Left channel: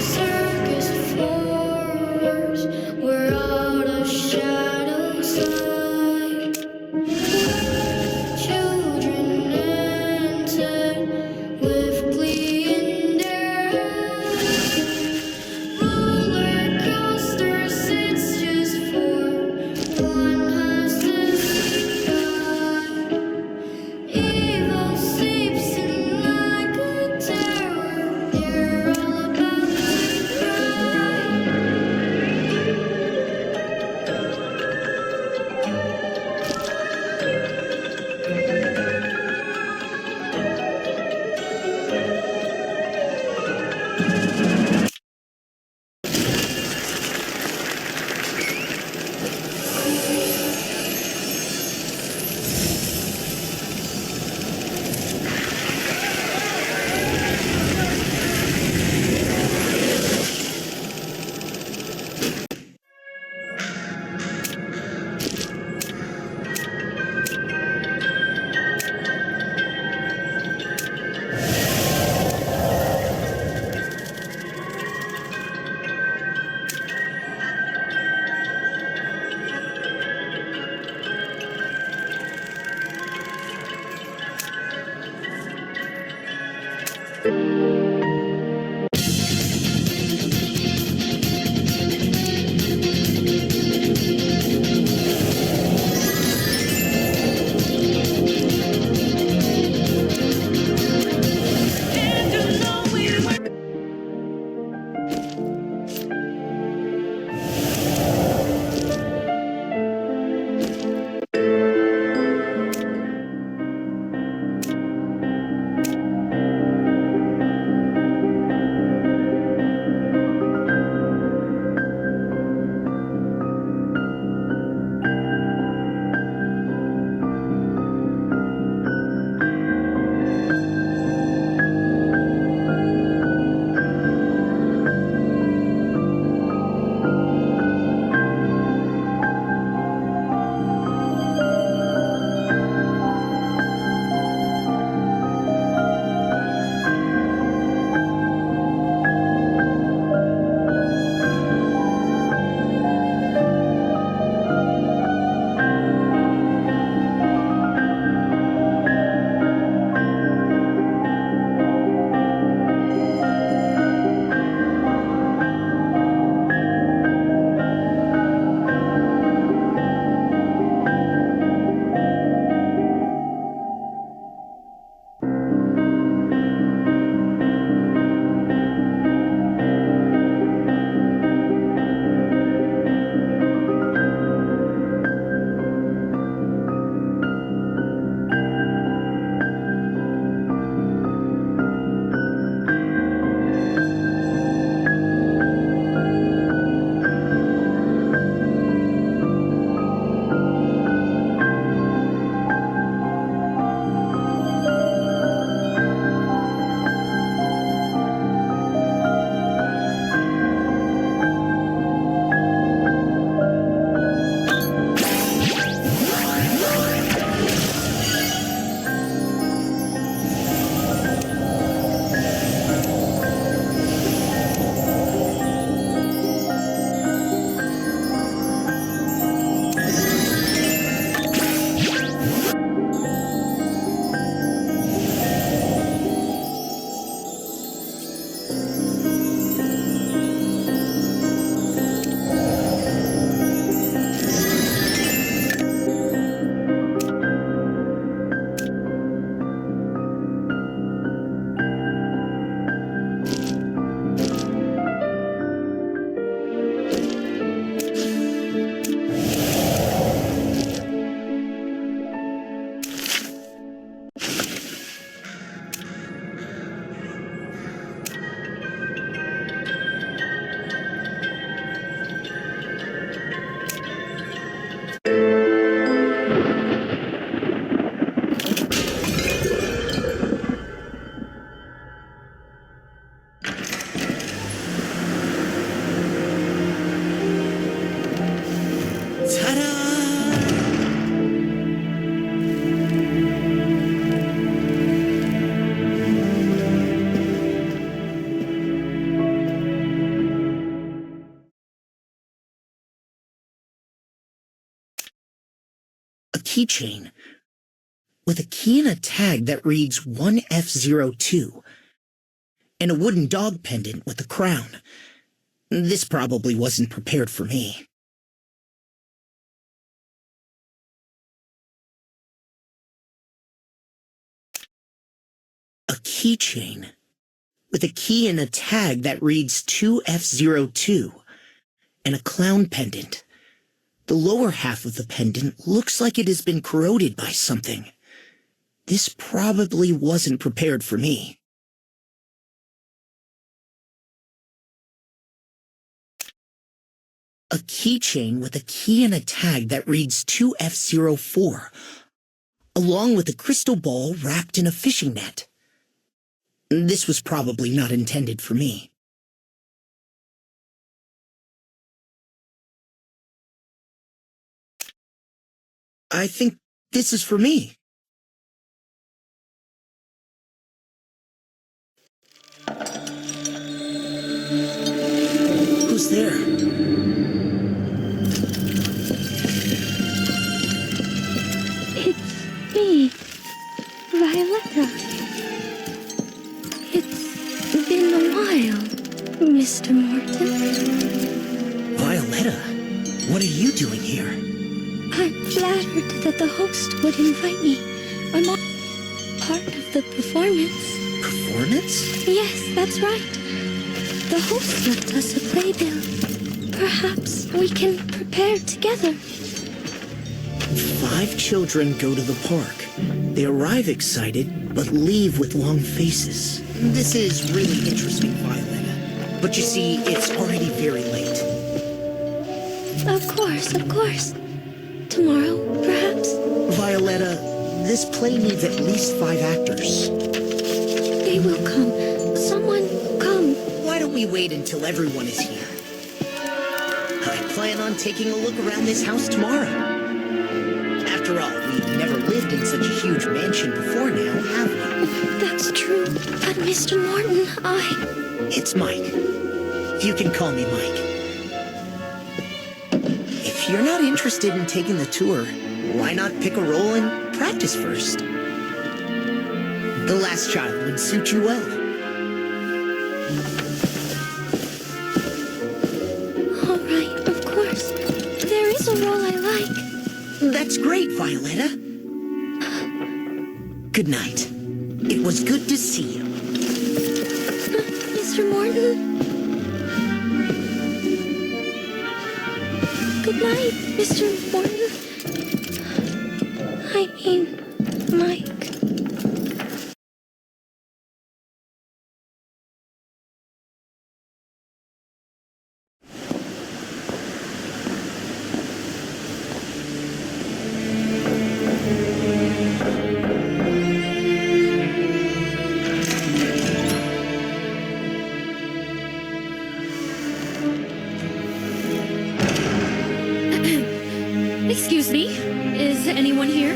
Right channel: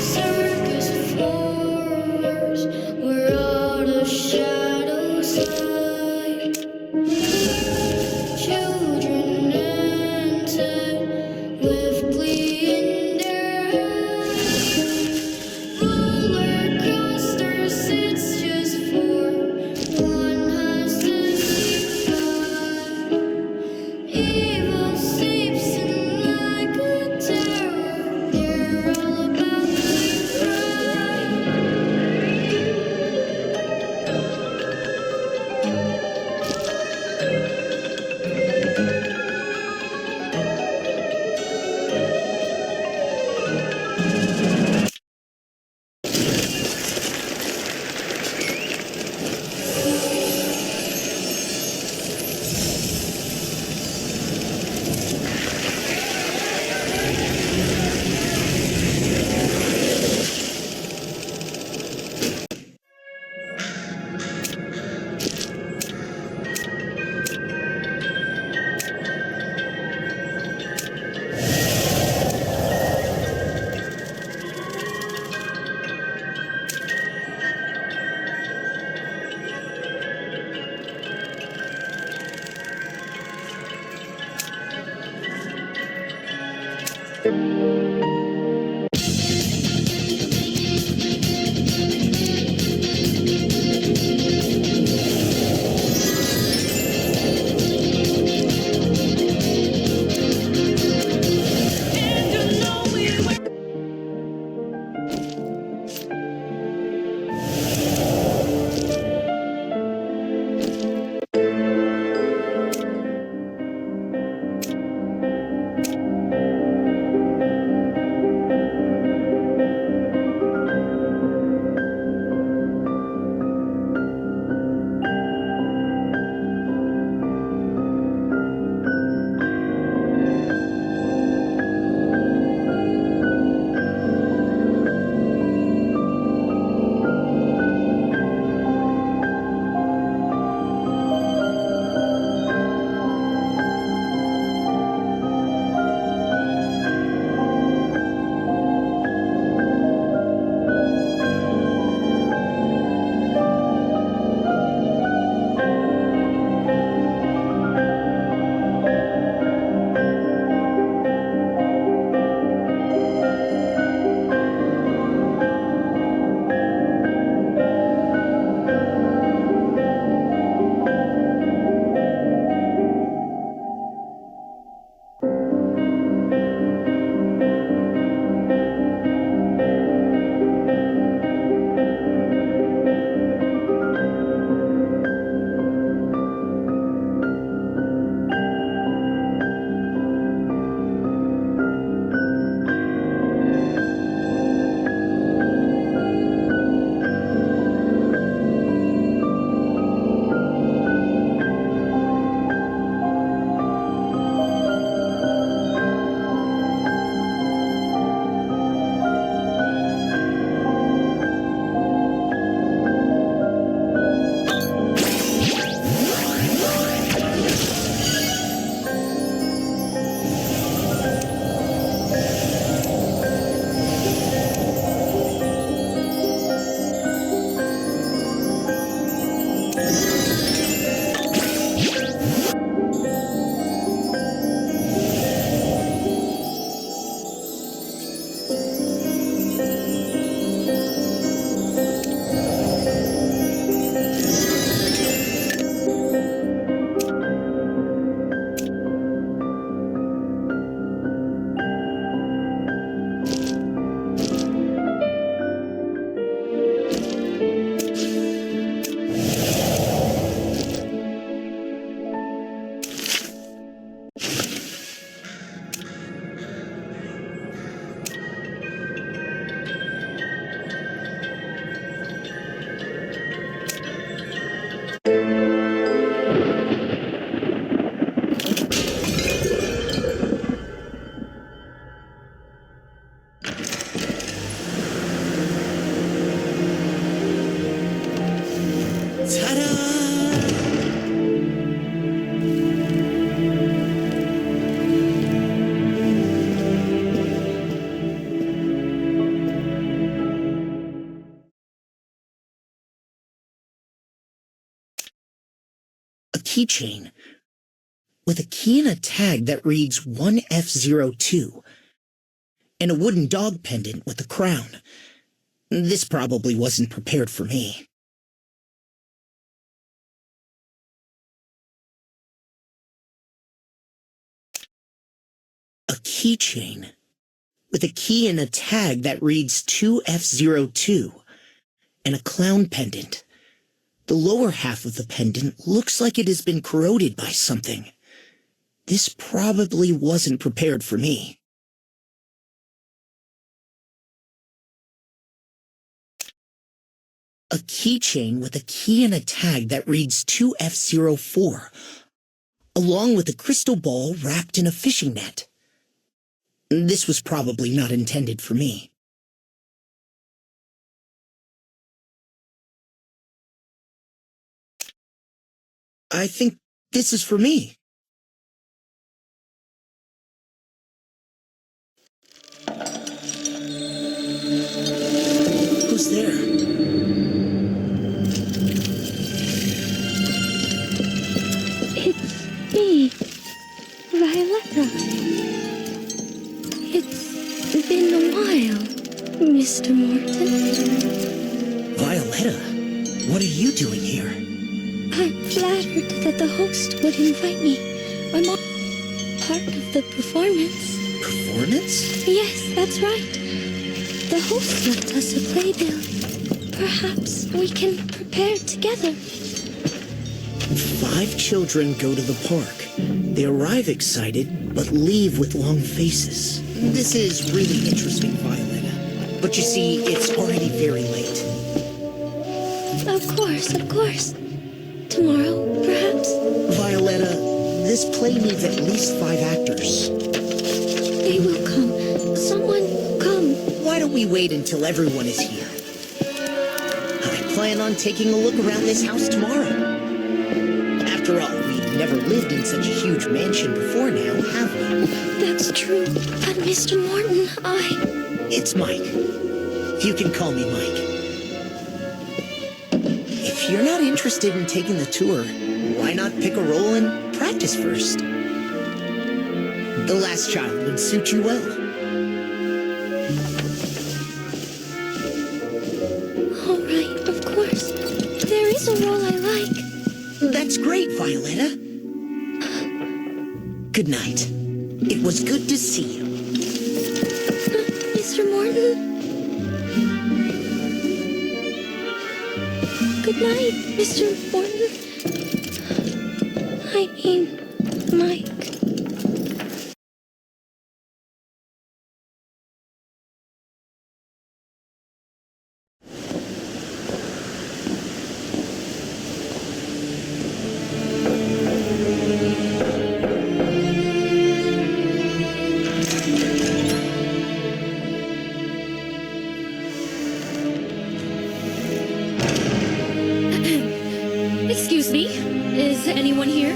Circus forest where all the shadows hide. Children entered with glee in their eyes. Roller coasters, it's just for one has to sleep by. Evil sleeps in like a terror. They're all about to cry. And you know we were. keychain with a key and a tag that reads 1F02 and a wooden dog pendant with a crown. This probably wasn't prepared for me. A keychain with a key and a tag that reads 2F02 and a clown pendant. The lower half of the pendant looks like it has been corroded by something. This probably wasn't prepared for me. A keychain with a key and a tag that reads 2F04, along with a crystal ball wrapped in a fishing net. This was probably not intended for me. I think this is for me. Who's there? It's me, Violetta. It's been a while, Mr. Morton. Violetta, what are you doing here? I'm flattered that the host would invite me. I'm all part of the performance. Performance? Yes, that's right. The host left us a playbill. Perhaps we can prepare together. 5 children go to the park. They arrive excited, but leave with long faces. This is really interesting, Violetta. But you see, it's already very late. Of course. Tomorrow, perhaps? Violetta, this play needs at least 5 actors. They will come. Someone will come. Why don't we wait until everyone is here? I plan on taking a look around this house tomorrow. After all, we've never lived in such a huge mansion before now, have we? That's true. But Mr. Morton, It's Mike. You can call me Mike. If you're not interested in taking the tour, why not pick a role and practice first? The last child would suit you well. All right, of course. There is a role I like. That's great, Violetta. Good night. It was good to see you. Mr. Morton? Good night, Mr. Morton. I mean, Mike. Excuse me, is anyone here?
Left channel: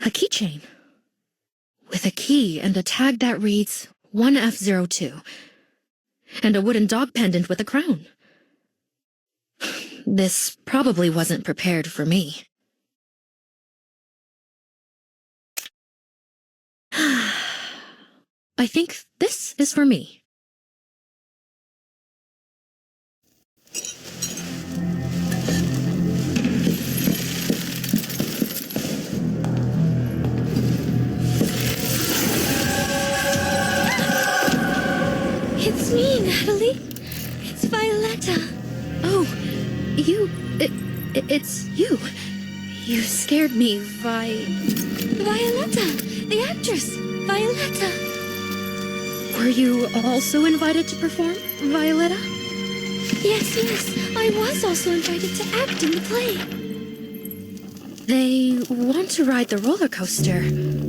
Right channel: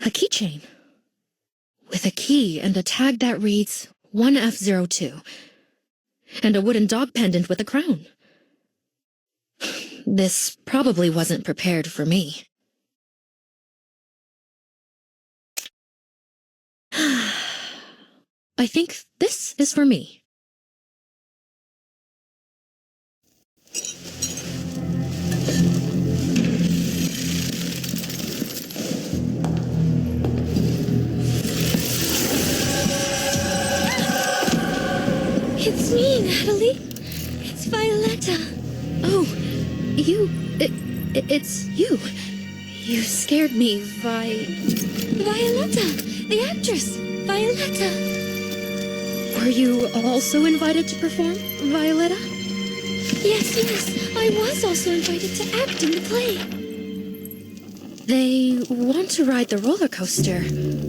A keychain with a key and a tag that reads 1F02 and a wooden dog pendant with a crown. This probably wasn't prepared for me. I think this is for me. It's me, Natalie. It's Violetta. Oh, it's you. You scared me, Violetta, the actress. Violetta. Were you also invited to perform, Violetta? Yes, I was also invited to act in the play. They want to ride the roller coaster,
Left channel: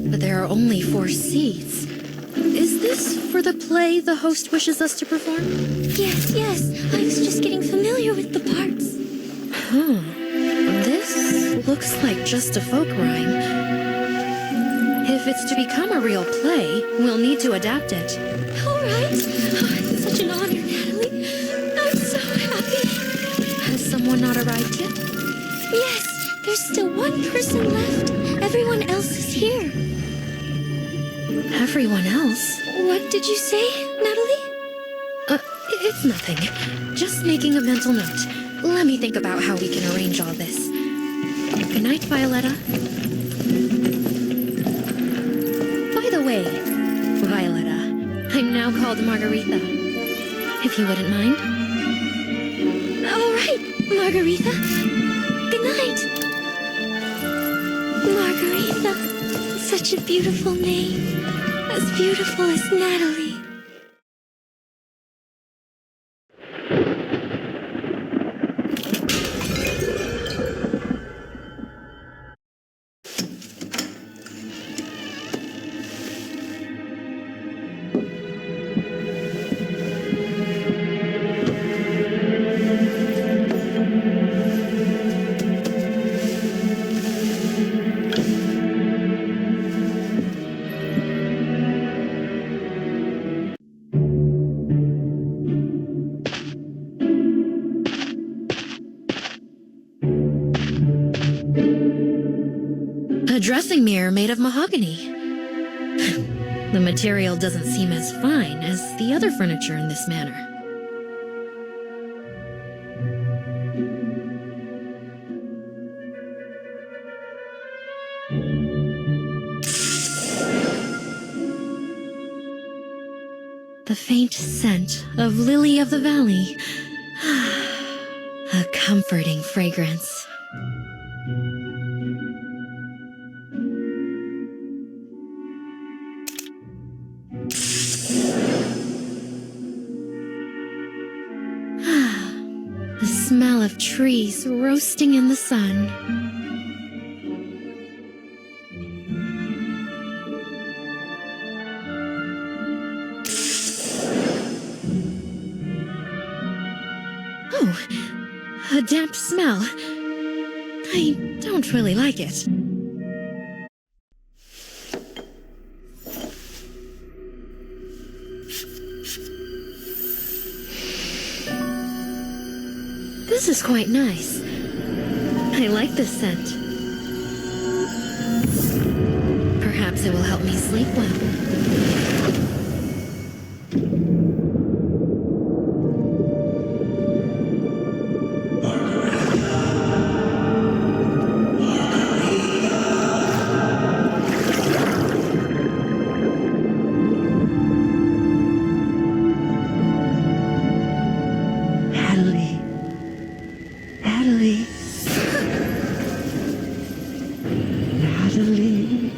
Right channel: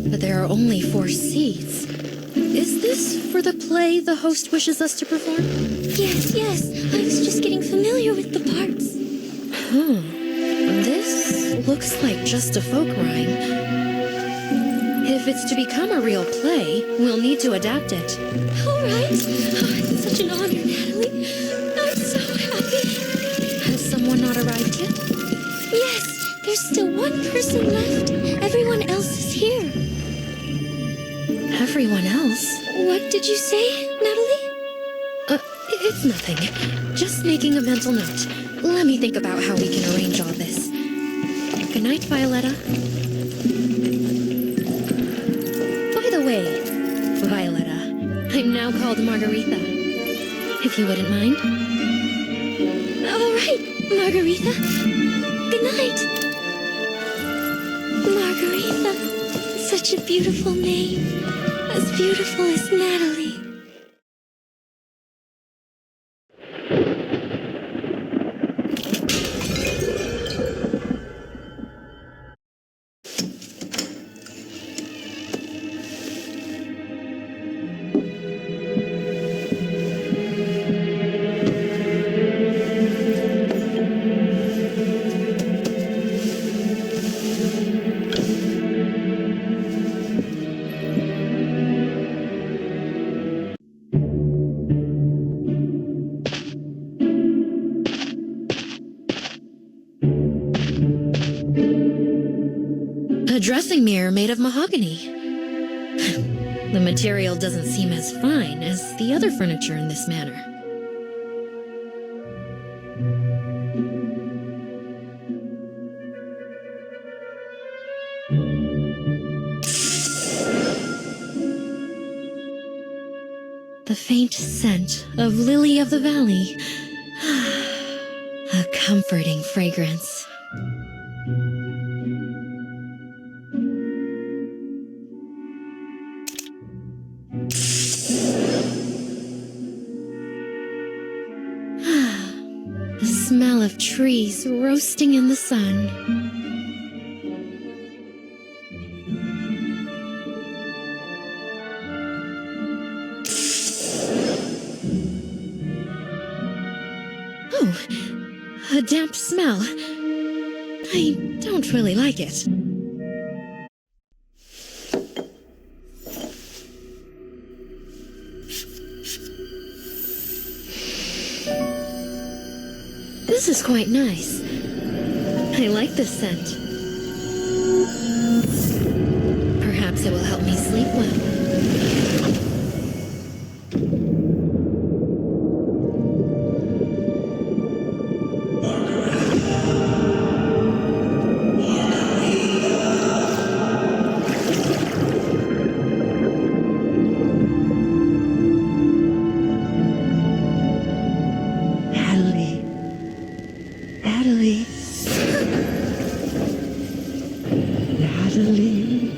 but there are only 4 seats. Is this for the play the host wishes us to perform? Yes. I was just getting familiar with the parts. Huh. This looks like just a folk rhyme. If it's to become a real play, we'll need to adapt it. All right. Oh, it's such an honor, Natalie. I'm so happy. Has someone not arrived yet? Yes, there's still one person left. Everyone else is here. Everyone else? What did you say, Natalie? It's nothing. Just making a mental note. Let me think about how we can arrange all this. Good night, Violetta. By the way, Violetta, I'm now called Margaretha. If you wouldn't mind. All right, Margaretha. Good night. Margaretha. Such a beautiful name. As beautiful as Natalie. A dressing mirror made of mahogany. The material doesn't seem as fine as the other furniture in this manor. The faint scent of lily of the valley. A comforting fragrance. The smell of trees roasting in the sun. Oh, a damp smell. I don't really like it. This is quite nice. I like this scent. Perhaps it will help me sleep well. Natalie. Natalie. Natalie.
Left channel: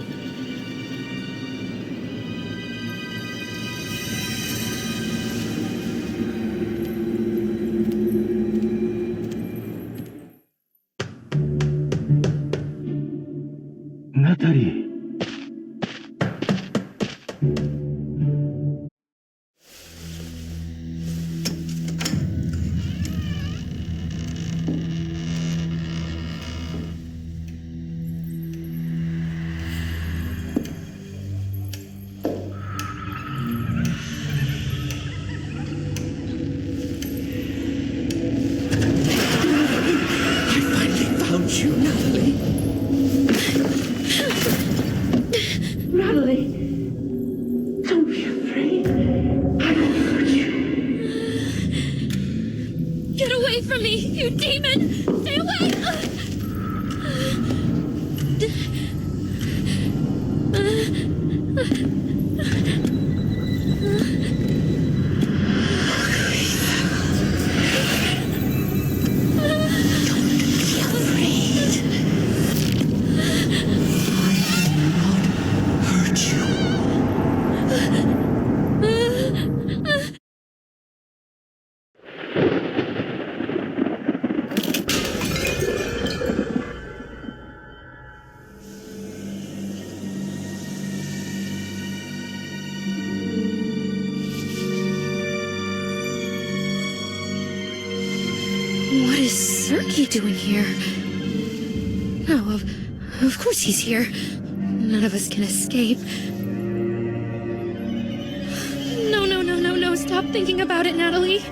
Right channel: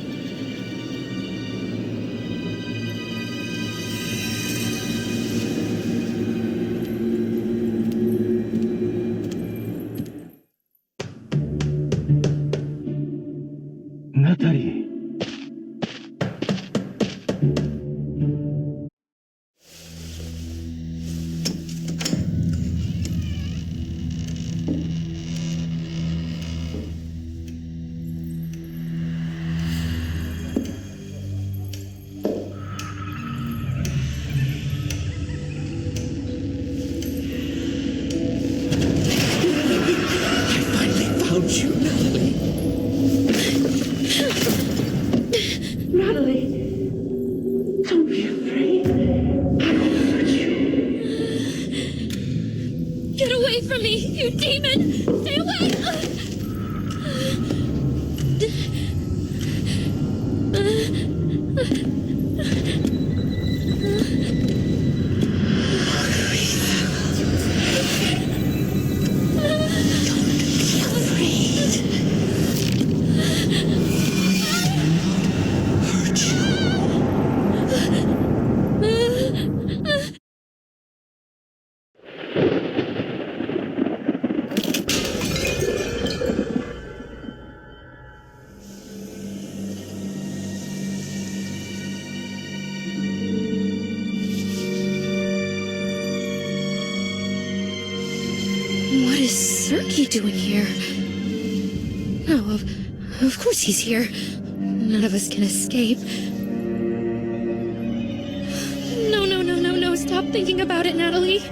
Natalie. I finally found you, Natalie. Natalie, don't be afraid. I won't hurt you. Get away from me, you demon! Stay away! Don't be afraid. I will not hurt you. What is Sergei doing here? No, of course he's here. None of us can escape. No, stop thinking about it, Natalie.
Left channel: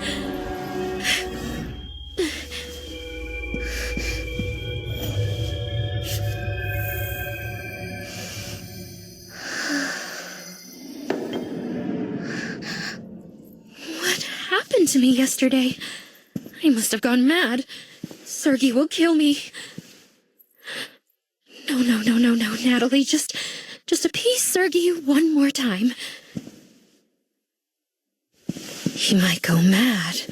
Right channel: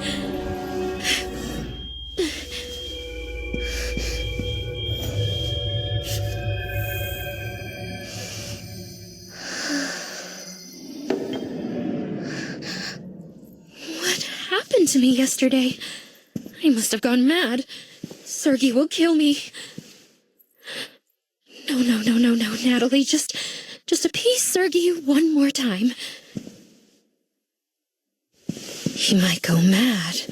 What happened to me yesterday? I must have gone mad. Sergei will kill me. No, Natalie, just appease Sergei one more time. He might go mad.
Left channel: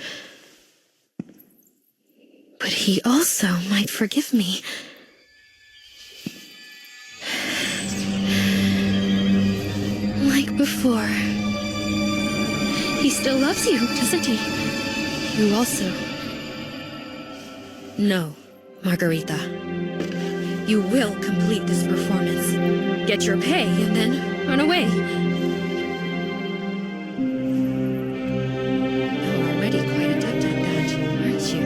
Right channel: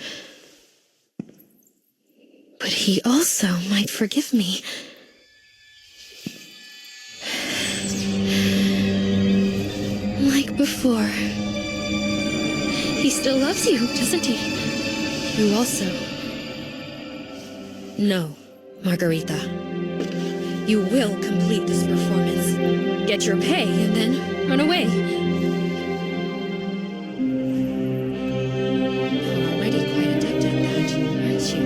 But he also might forgive me. Like before. He still loves you, doesn't he? You also. No, Margarita. You will complete this performance. Get your pay and then run away. You're already quite adept at that, aren't you?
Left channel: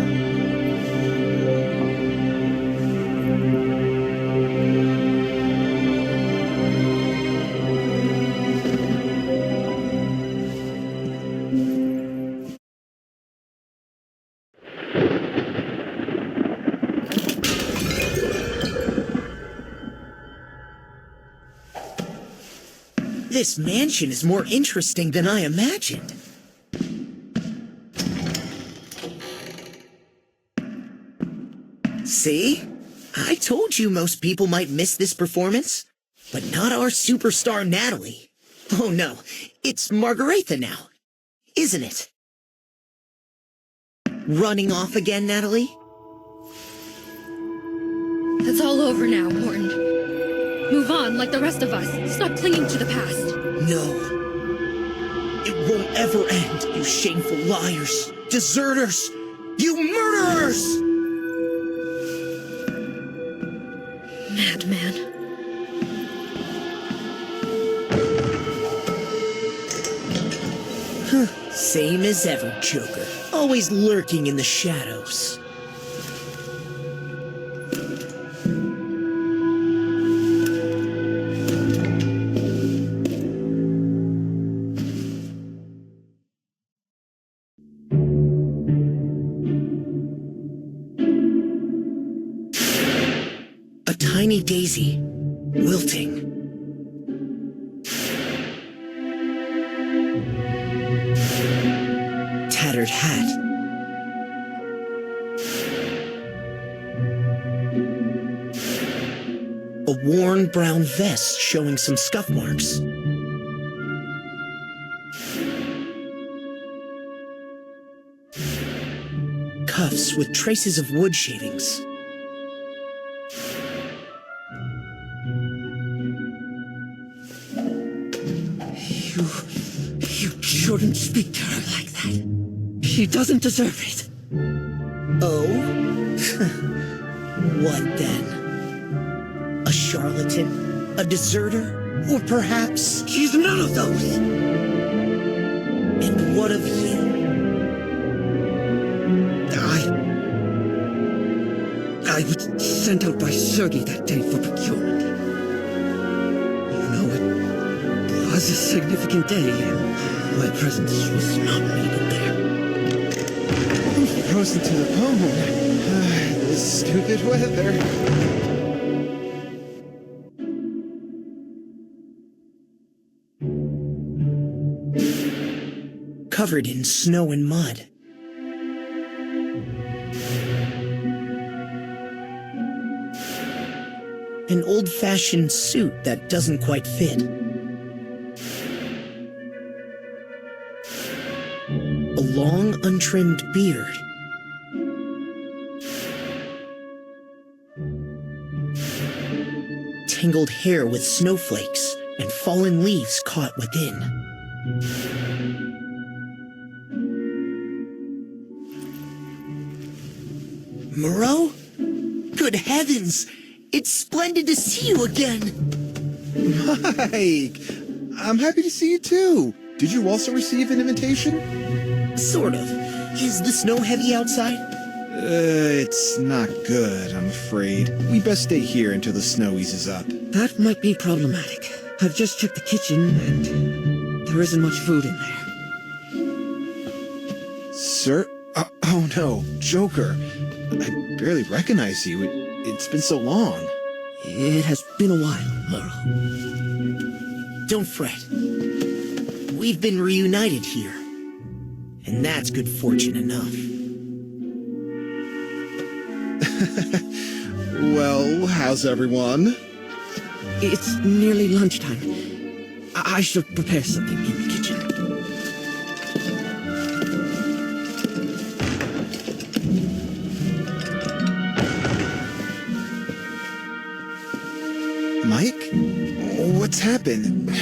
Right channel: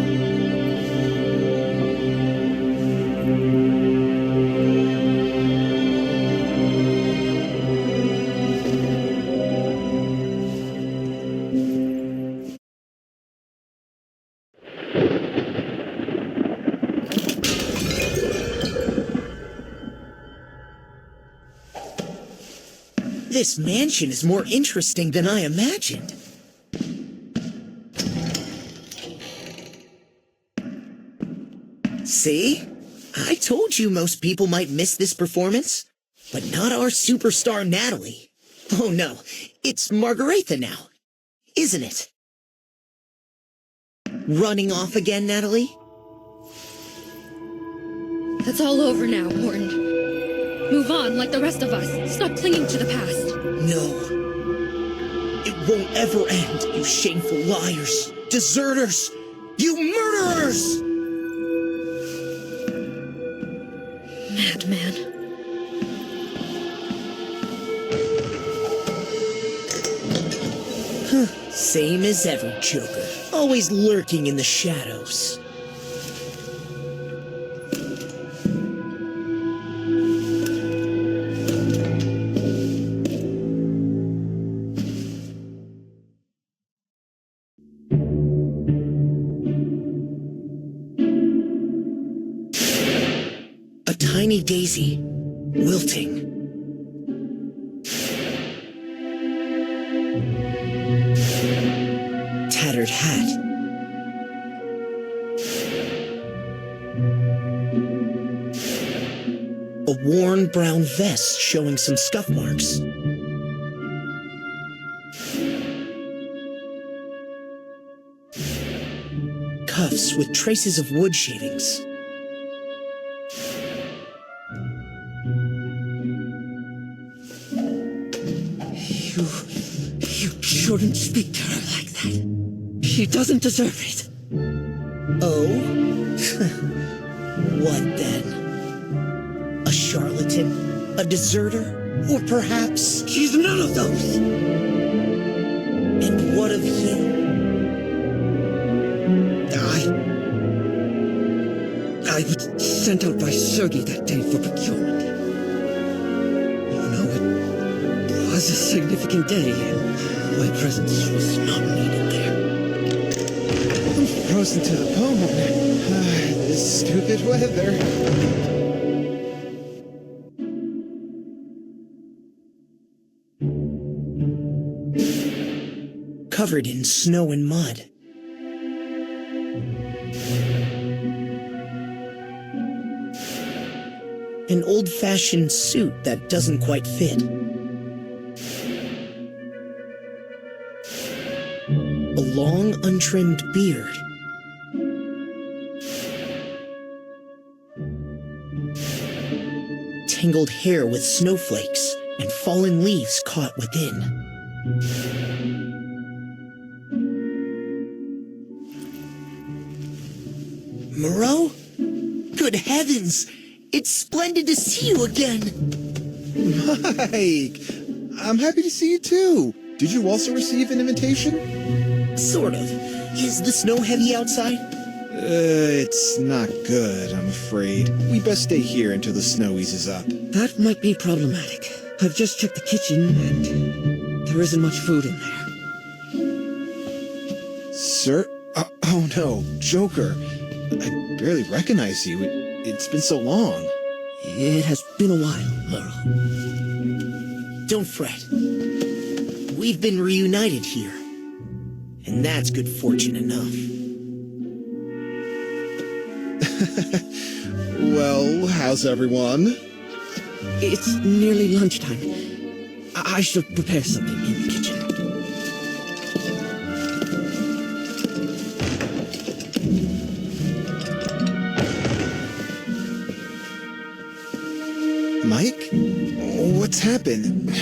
This mansion is more interesting than I imagined. See? I told you most people might miss this performance, but not our superstar Natalie. Oh no, it's Margarita now, isn't it? Running off again, Natalie? It's all over now, Morton. Move on like the rest of us. Stop clinging to the past. No. It won't ever end, you shameful liars, deserters, you murderers! Madman. Same as ever, Joker. Always lurking in the shadows. A tiny daisy, wilting. Tattered hat. A worn brown vest showing some scuff marks. Cuffs with traces of wood shavings. You shouldn't speak to her like that. She doesn't deserve it. Oh? What then? A charlatan? A deserter? Or perhaps... She's none of those. And what of you? I was sent out by Sergei that day for procurement. You know, it was a significant day, and my presence was not needed there. I'm frozen to the bone. This stupid weather. Covered in snow and mud. An old-fashioned suit that doesn't quite fit. A long, untrimmed beard. Tangled hair with snowflakes and fallen leaves caught within. Moreau? Good heavens! It's splendid to see you again! Mike! I'm happy to see you too! Did you also receive an invitation? Sort of. Is the snow heavy outside? It's not good, I'm afraid. We best stay here until the snow eases up. That might be problematic. I've just checked the kitchen, and there isn't much food in there. Sir? Oh no, Joker. I barely recognize you. It's been so long. It has been a while, Laurel. Don't fret. We've been reunited here. And that's good fortune enough. Well, how's everyone? It's nearly lunchtime. I should prepare something in the kitchen. Mike? What's happened?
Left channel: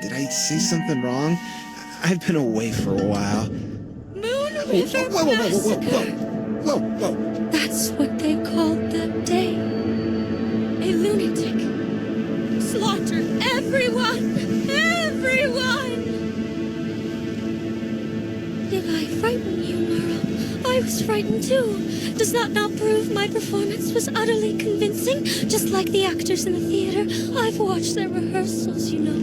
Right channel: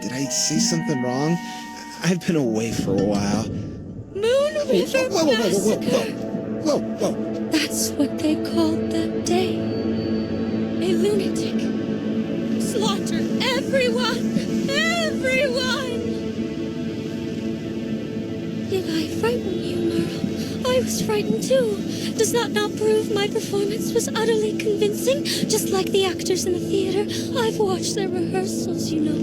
Did I say something wrong? I've been away for a while. Moon River Massacre. Whoa. That's what they called that day. A lunatic. Slaughtered everyone! Everyone! Did I frighten you, Merle? I was frightened too. Does that not prove my performance was utterly convincing? Just like the actors in the theater. I've watched their rehearsals, you know.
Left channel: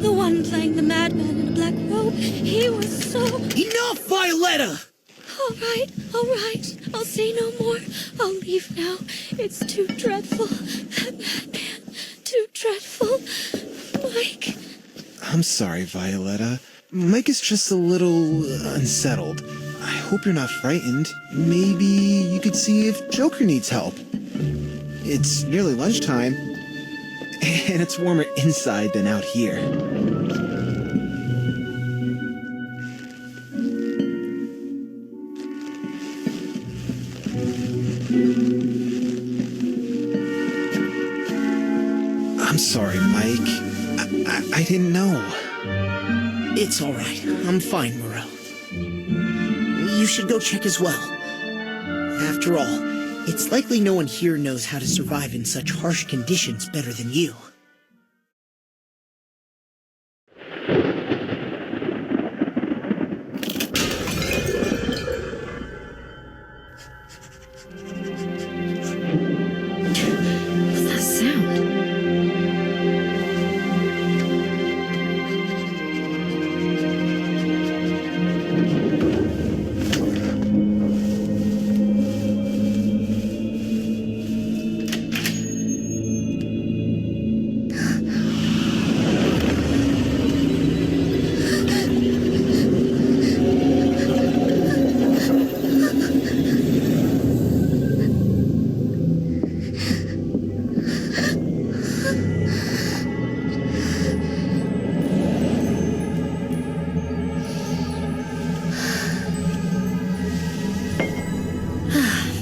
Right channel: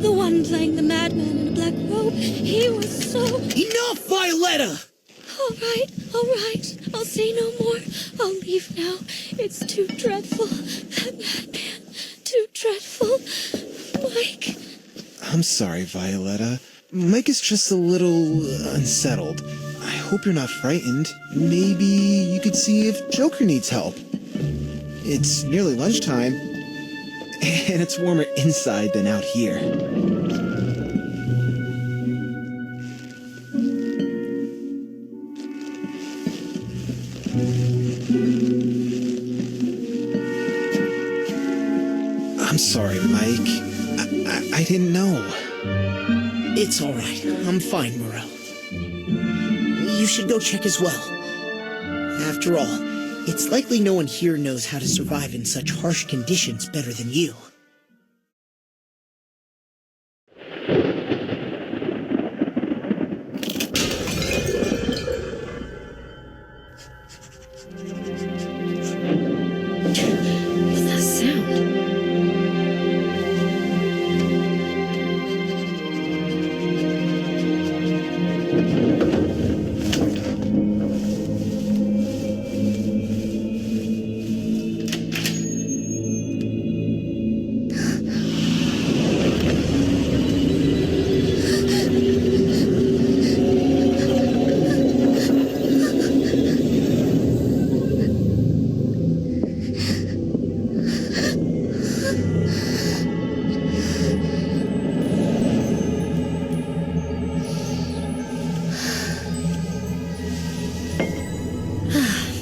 The one playing the madman in a black robe, he was so... Enough, Violetta! All right. I'll say no more. I'll leave now. It's too dreadful. That madman. Too dreadful. Mike. I'm sorry, Violetta. Mike is just a little unsettled. I hope you're not frightened. Maybe you could see if Joker needs help. It's nearly lunchtime, and it's warmer inside than out here. I'm sorry, Mike. I didn't know. It's all right. I'm fine, Morel. You should go check as well. After all, it's likely no one here knows how to survive in such harsh conditions better than you. What's that sound?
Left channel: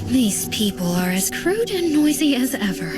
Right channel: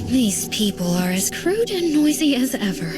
These people are as crude and noisy as ever.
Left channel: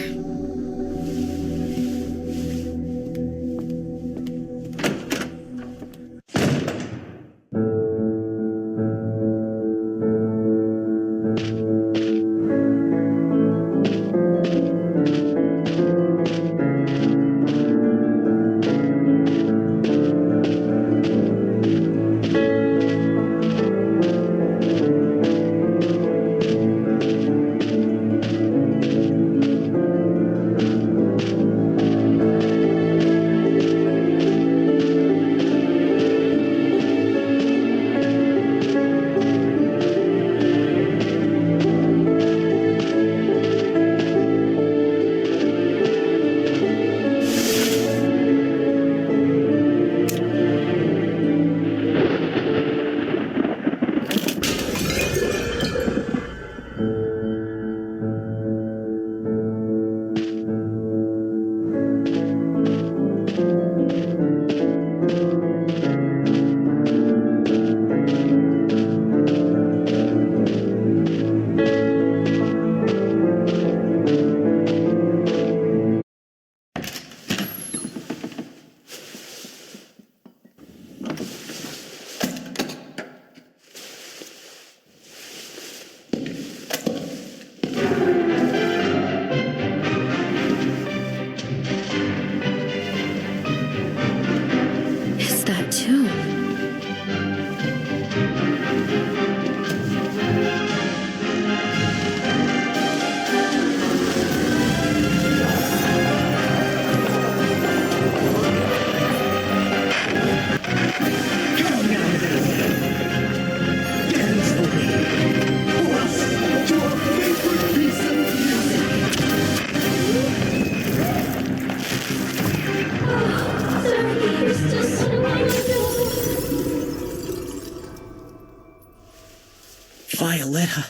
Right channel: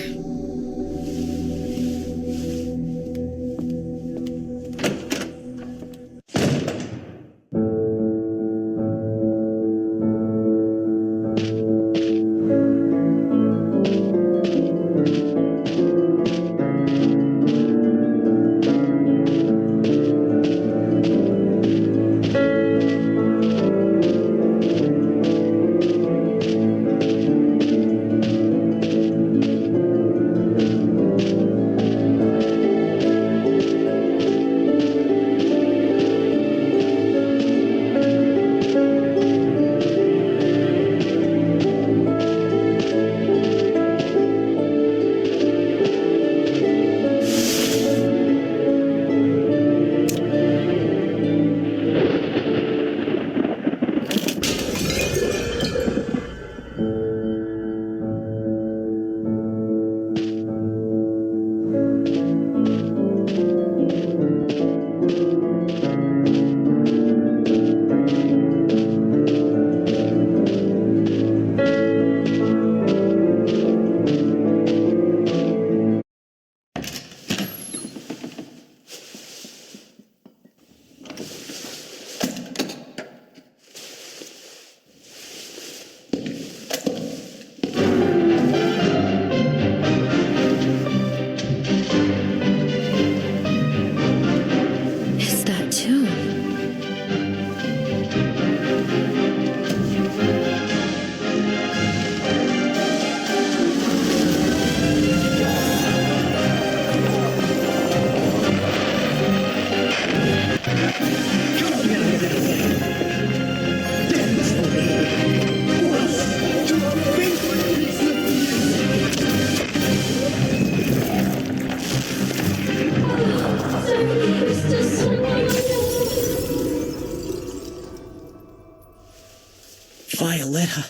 Violetta,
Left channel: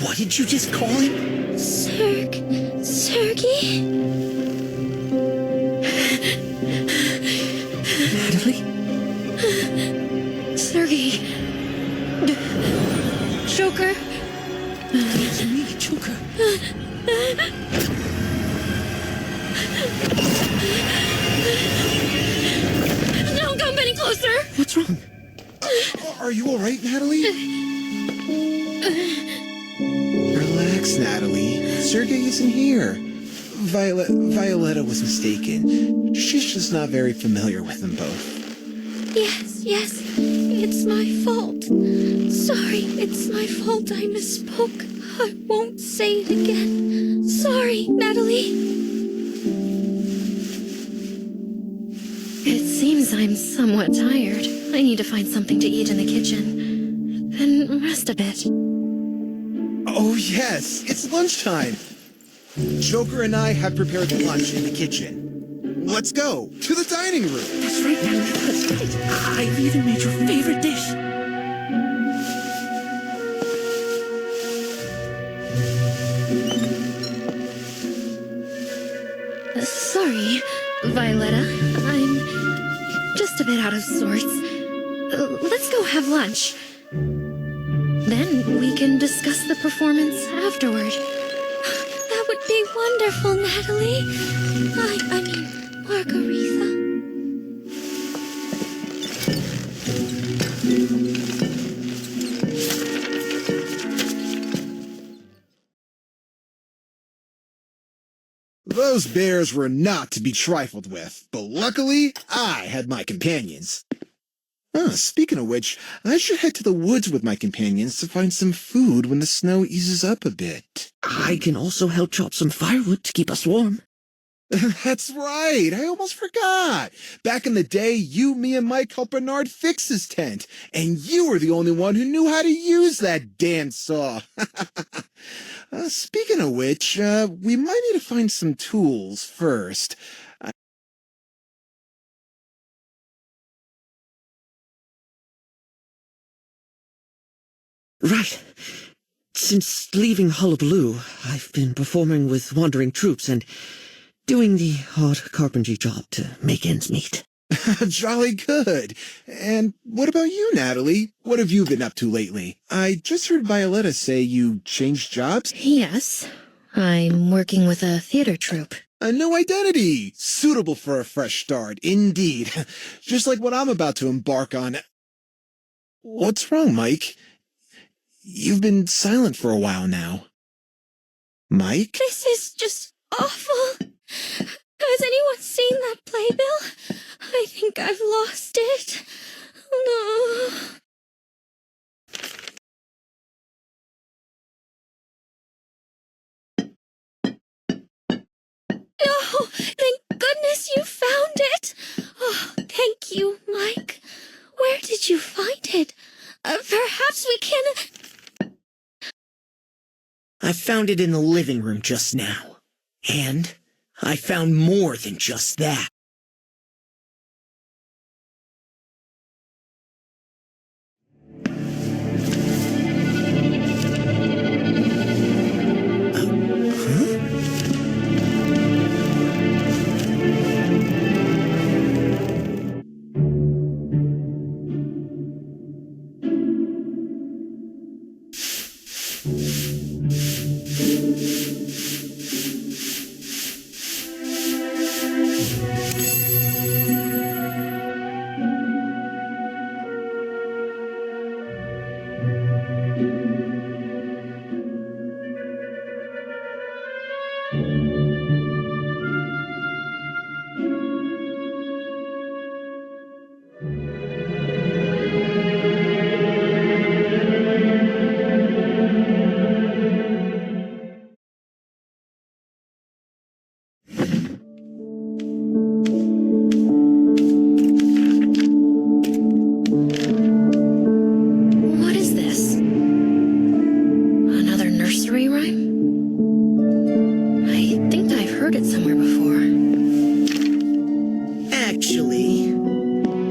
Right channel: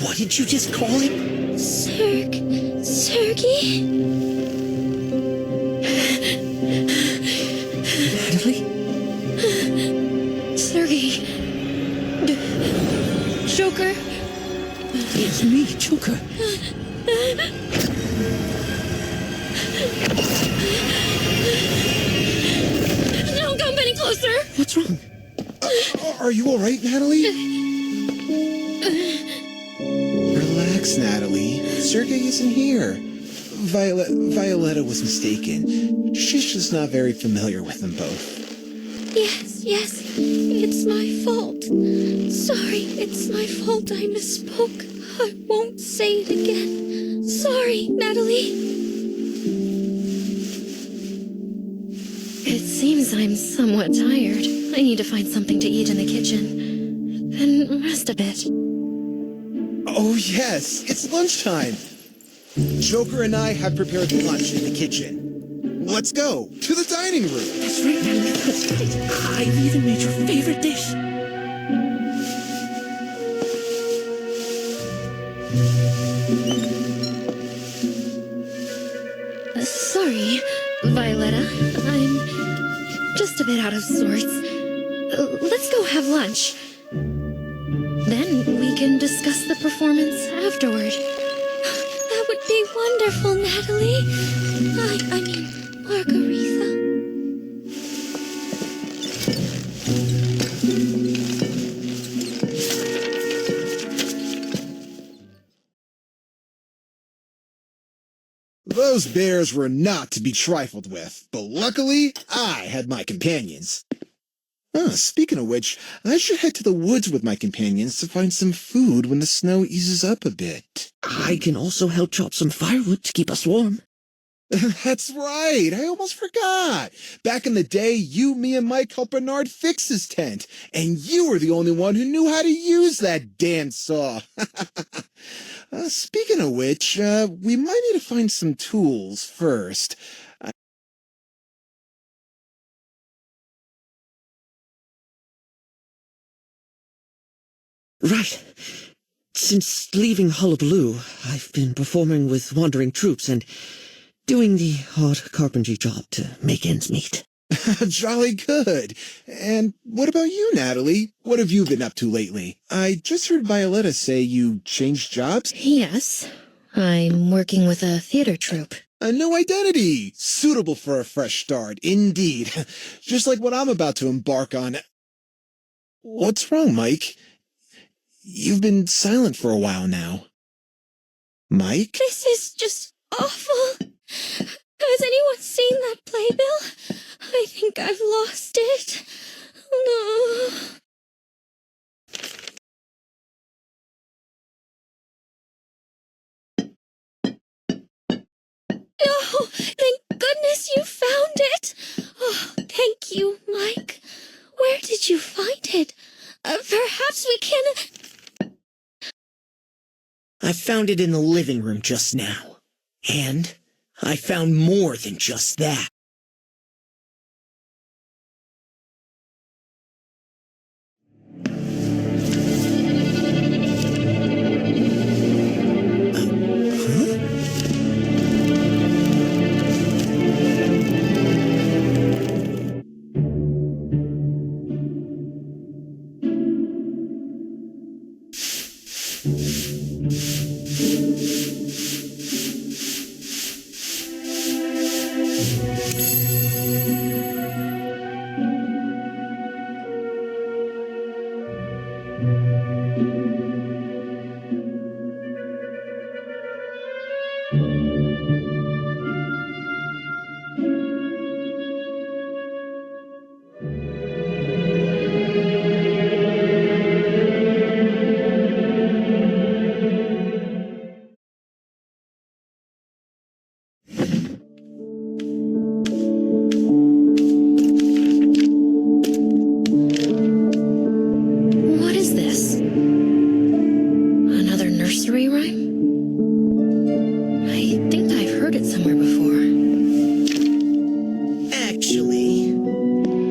what did you just call him? Sergey? Natalie? Sergey. Joker. It's me, Joker. Don't come any closer. What's wrong? Are you all right, Natalie? Relax, Natalie. Sergey isn't here. Violetta was mistaken. She's just not very familiar with them both. Yes, it's my fault. Sorry, it's my fault I misspoke. I won't say it again. Sorry, Natalie. It seems I'm somewhat tired. I need to find something to eat in the kitchen. Then rest a bit. Oh, yes, it's lunchtime. Joker and I have prepared lunch in the kitchen. Let's go to the dining room. That's right, Natalie, that's right. I've even made your favorite dish. Sorry, Violetta. I'm just a bit out of sorts. Let's go have lunch. Then we can discuss the performance afterward. That would be wonderful, Natalie. I mean, Margarita. Those bears were not to be trifled with, but luckily, I had my companions. Speaking of which, I should head to the woods with my companions to find some food when the snow eases up a bit. I can also help chop some firewood to keep us warm. That's right, I almost forgot. Back in the day, you, me, and Mike helped Bernard fix his tent, and you were the only one who knew how to use that damn saw. Speaking of which, we might need to find some tools first. Right. Since leaving Hullabaloo, I've been performing with wandering troops and doing the odd carpentry job to make ends meet. Jolly good. And what about you, Natalie? What have you been up to lately? I just heard Violetta say you changed jobs. Yes, I'm working with a theater troupe. A new identity. Suitable for a fresh start, indeed. Just like what I'm about to embark on. What's wrong, Mike? You've been silent for a while now. Mike? This is just awful. Has anyone seen that playbill? I think I've lost it. No. Oh, thank goodness you found it. Oh, thank you, Mike. Where did you find it? Perhaps we can... I found it in the living room just now. And I found more than just that. Huh? What is this? Another nursery rhyme? I think I've heard it somewhere before. Actually,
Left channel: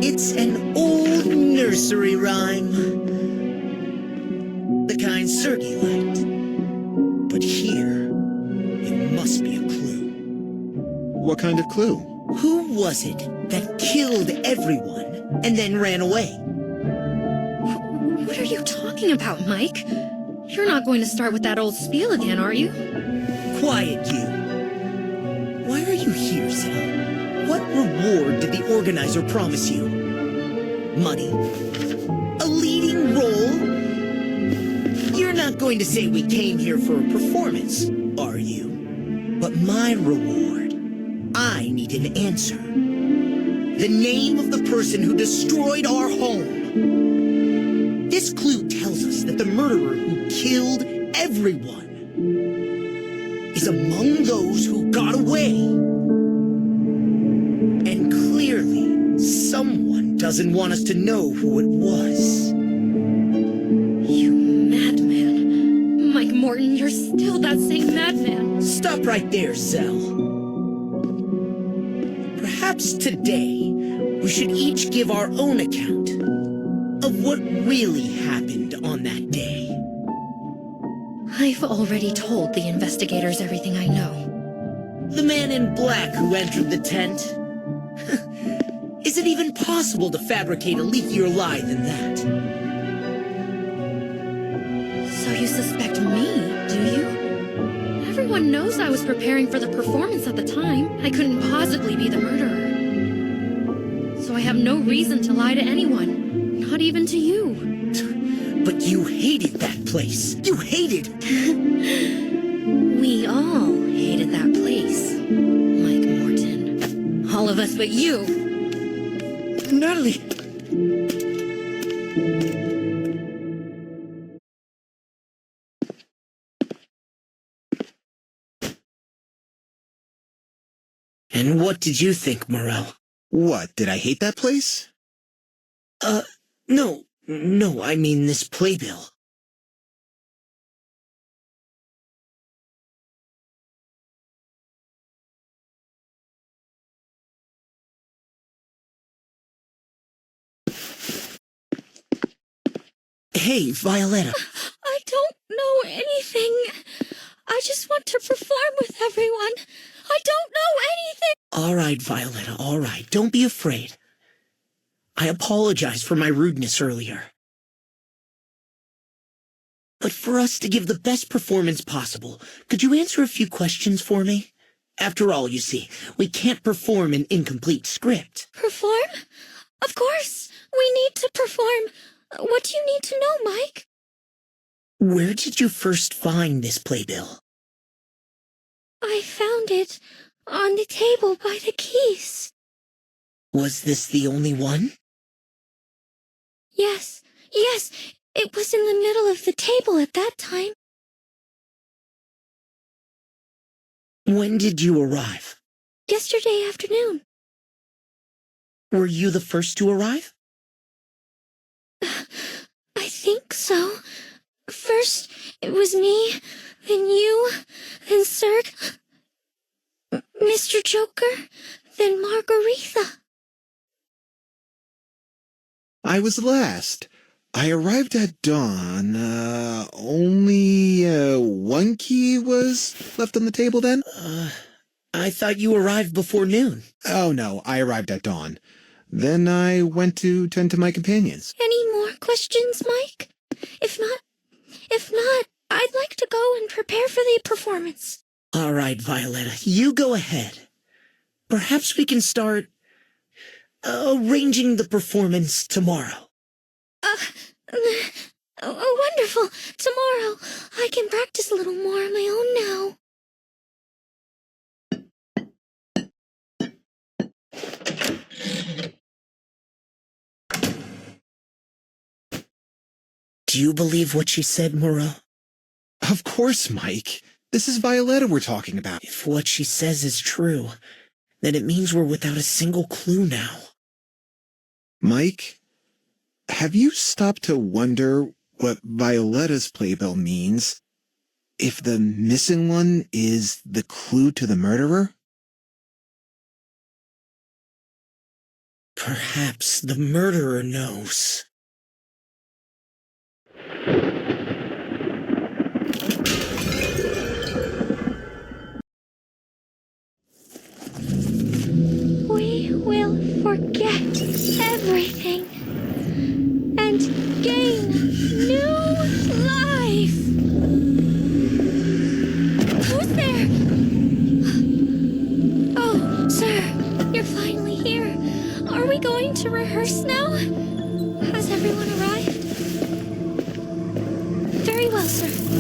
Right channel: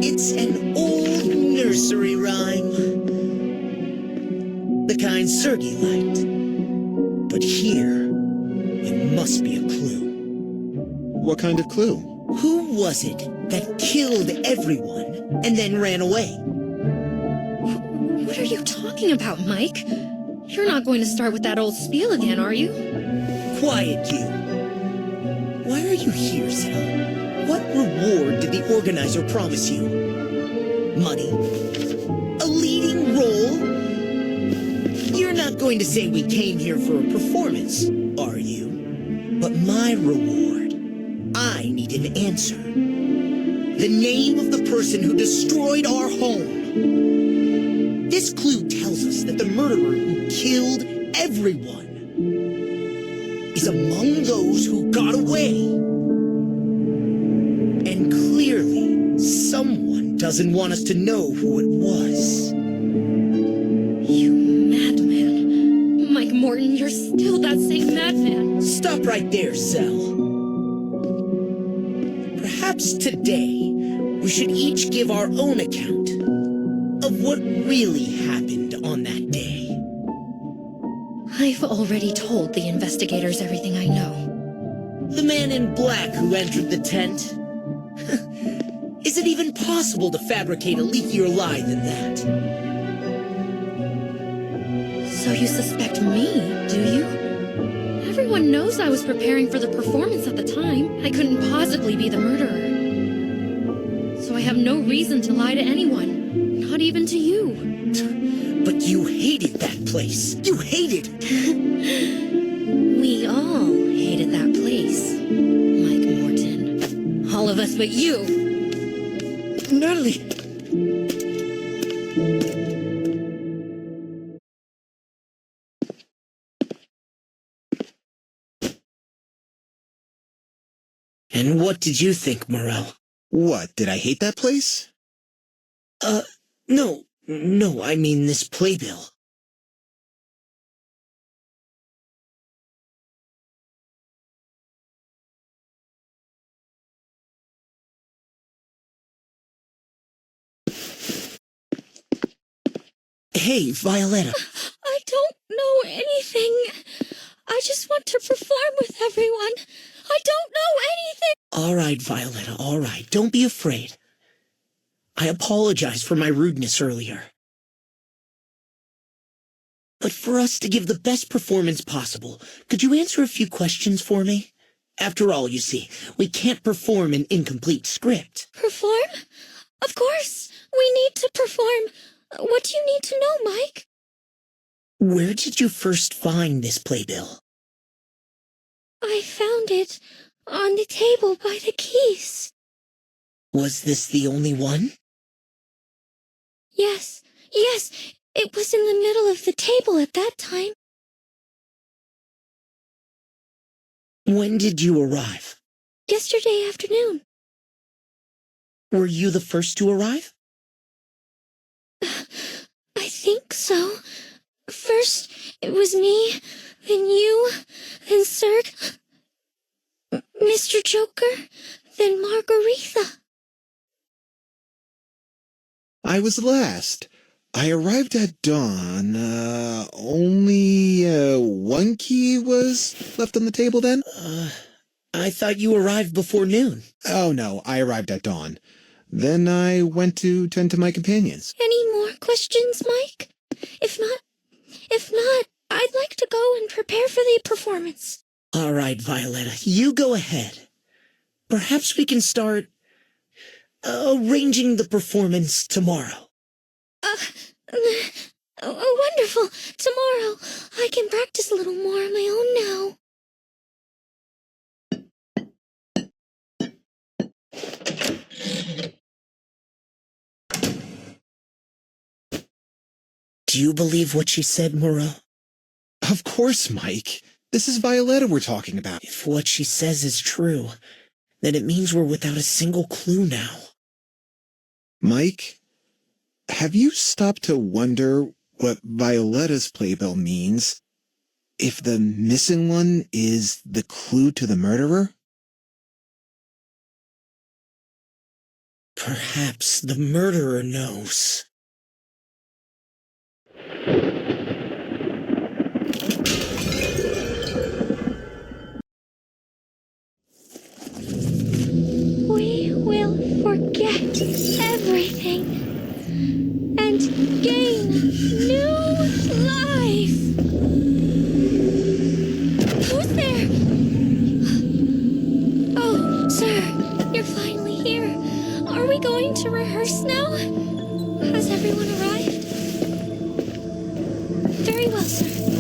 it's an old nursery rhyme. The kind Sergei liked. But here, it must be a clue. What kind of clue? Who was it that killed everyone and then ran away? What are you talking about, Mike? You're not going to start with that old spiel again, are you? Quiet, you. Why are you here, Sal? What reward did the organizer promise you? Money? A leading role? You're not going to say we came here for a performance, are you? But my reward, I need an answer. The name of the person who destroyed our home. This clue tells us that the murderer who killed everyone is among those who got away. And clearly, someone doesn't want us to know who it was. You madman. Mike Morton, you're still that same madman. Stop right there, Zell. Perhaps today, we should each give our own account of what really happened on that day. I've already told the investigators everything I know. The man in black who entered the tent? Is it even possible to fabricate a leakier lie than that? So you suspect me, do you? Everyone knows I was preparing for the performance at the time. I couldn't possibly be the murderer. So I have no reason to lie to anyone, not even to you. But you hated that place. You hated... We all hated that place, Mike Morton. All of us but you. Natalie! And what did you think, Morel? What, did I hate that place? No, I mean this playbill. Hey, Violetta. I don't know anything. I just want to perform with everyone. I don't know anything. All right, Violetta, all right. Don't be afraid. I apologize for my rudeness earlier. But for us to give the best performance possible, could you answer a few questions for me? After all, you see, we can't perform an incomplete script. Perform? Of course. We need to perform. What do you need to know, Mike? Where did you first find this playbill? I found it on the table by the keys. Was this the only one? Yes, it was in the middle of the table at that time. When did you arrive? Yesterday afternoon. Were you the first to arrive? I think so. First, it was me, then you, then Serg, Mr. Joker, then Margaretha. I was last. I arrived at dawn. Only one key was left on the table then? I thought you arrived before noon. Oh no, I arrived at dawn. Then I went to tend to my companions. Any more questions, Mike? If not, I'd like to go and prepare for the performance. All right, Violetta, you go ahead. Perhaps we can start arranging the performance tomorrow. Wonderful. Tomorrow, I can practice a little more on my own now. Do you believe what she said, Moreau? Of course, Mike. This is Violetta we're talking about. If what she says is true, then it means we're without a single clue now. Mike, have you stopped to wonder what Violetta's playbill means? If the missing one is the clue to the murderer? Perhaps the murderer knows. everything and gain new life. Who's there? Oh, sir, you're finally here. Are we going to rehearse now? Has everyone arrived? Very well, sir.